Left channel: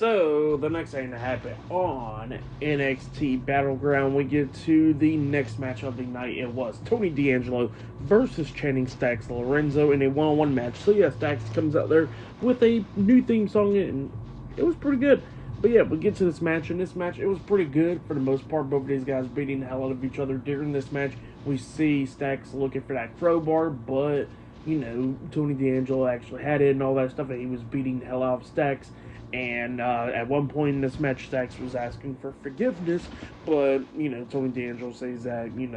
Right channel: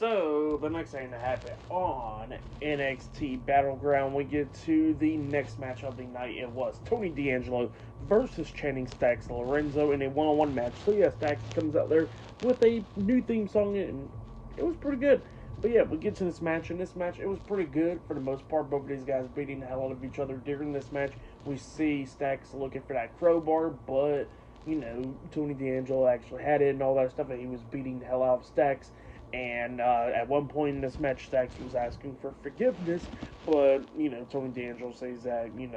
So, the next thing to happen on NXT Battleground, we get to the next match of the night. It was Tony D'Angelo versus Channing Stacks Lorenzo in a one-on-one match. So, yeah, Stacks comes out there with a new theme song, and it was pretty good. But, yeah, we get to this match, and this match, it was pretty good for the most part. Both of these guys beating the hell out of each other during this match. We see Stacks looking for that crowbar, but, you know, Tony D'Angelo actually had it and all that stuff, and he was beating the hell out of Stacks. And at one point in this match, Stacks was asking for forgiveness, but, you know, Tony D'Angelo says that, you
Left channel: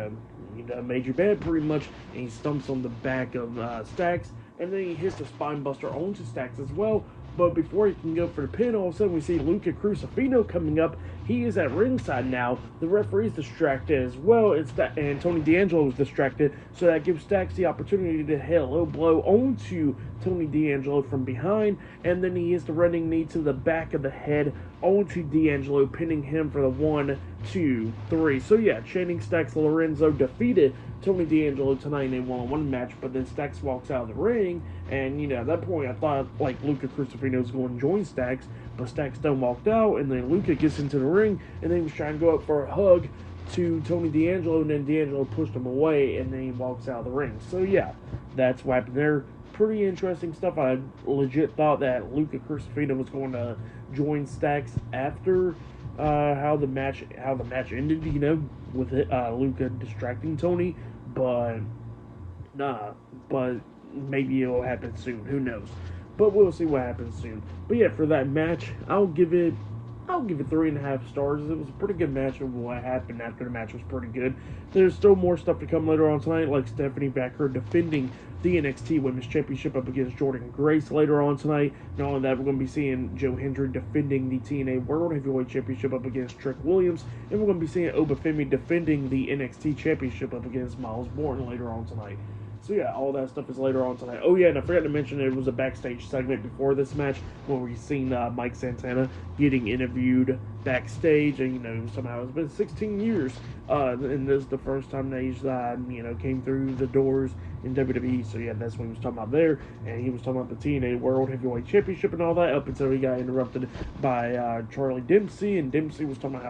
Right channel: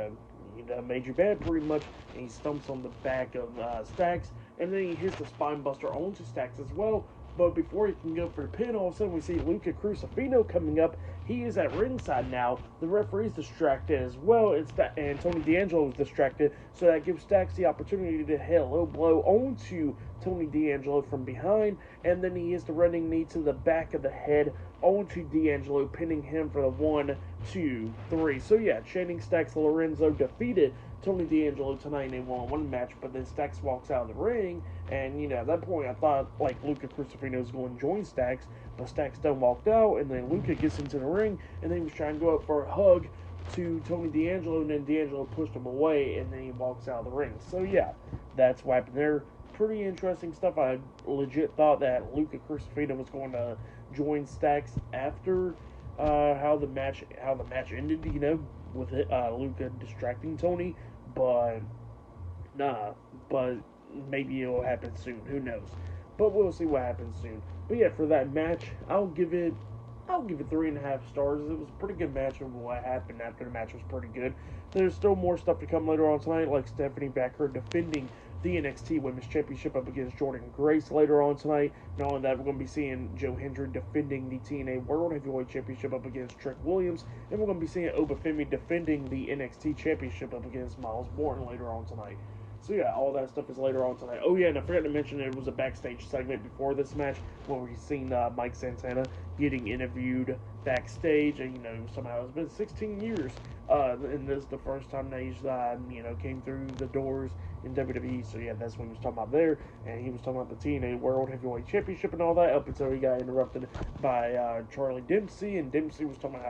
made your bed pretty much, and he stumps on the back of Stacks, and then he hits the spine buster onto Stacks as well. But before he can go for the pin, all of a sudden we see Luca Crucifino coming up. He is at ringside now. The referee's distracted as well, and Tony D'Angelo is distracted, so that gives Stacks the opportunity to hit a low blow onto Tony D'Angelo from behind, and then he hits the running knee to the back of the head onto D'Angelo, pinning him for the 1, 2, 3. So yeah, Channing Stacks Lorenzo defeated Tony D'Angelo tonight in a one-on-one match, but then Stacks walks out of the ring, and, you know, at that point I thought, like, Luca Crucifino was going to join Stacks, but Stacks done walked out, and then Luca gets into the ring, and then he was trying to go up for a hug to Tony D'Angelo, and then D'Angelo pushed him away, and then he walks out of the ring. So yeah, that's what happened there. Pretty interesting stuff. I legit thought that Luca Crucifino was going to join Stacks after how the match ended, you know, with Luca distracting Tony, but nah, but maybe it'll happen soon. Who knows? But we'll see what happens soon. But yeah, for that match, I'll give it 3.5 stars. It was a pretty good match, and what happened after the match was pretty good. There's still more stuff to come later on tonight, like Stephanie Becker defending the NXT Women's Championship up against Jordan Grace later on tonight. Not only that, we're going to be seeing Joe Hendry defending the TNA World Heavyweight Championship up against Trick Williams, and we're going to be seeing Obafemi defending the NXT Championship up against Miles Morton later on tonight. So yeah, all that stuff is later on tonight. Oh yeah, and I forgot to mention there was a backstage segment before this match where we've seen Mike Santana getting interviewed backstage, and, you know, somehow it's been 16 years, and this is the first time that he's came through the doors in WWE. So yeah, that's what he was talking about there, and he was talking about the TNA World Heavyweight Championship and all that, up until he got interrupted by Charlie Dempsey, and Dempsey was talking about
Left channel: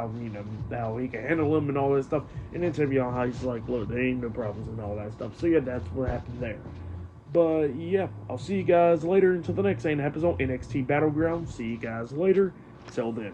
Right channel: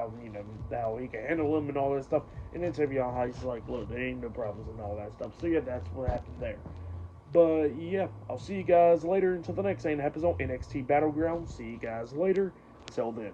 how he can handle him and all that stuff, and then interview on how he's like, look, there ain't no problems and all that stuff. So yeah, that's what happened there. But yeah, I'll see you guys later until the next thing that happens on NXT Battleground. See you guys later. Till then.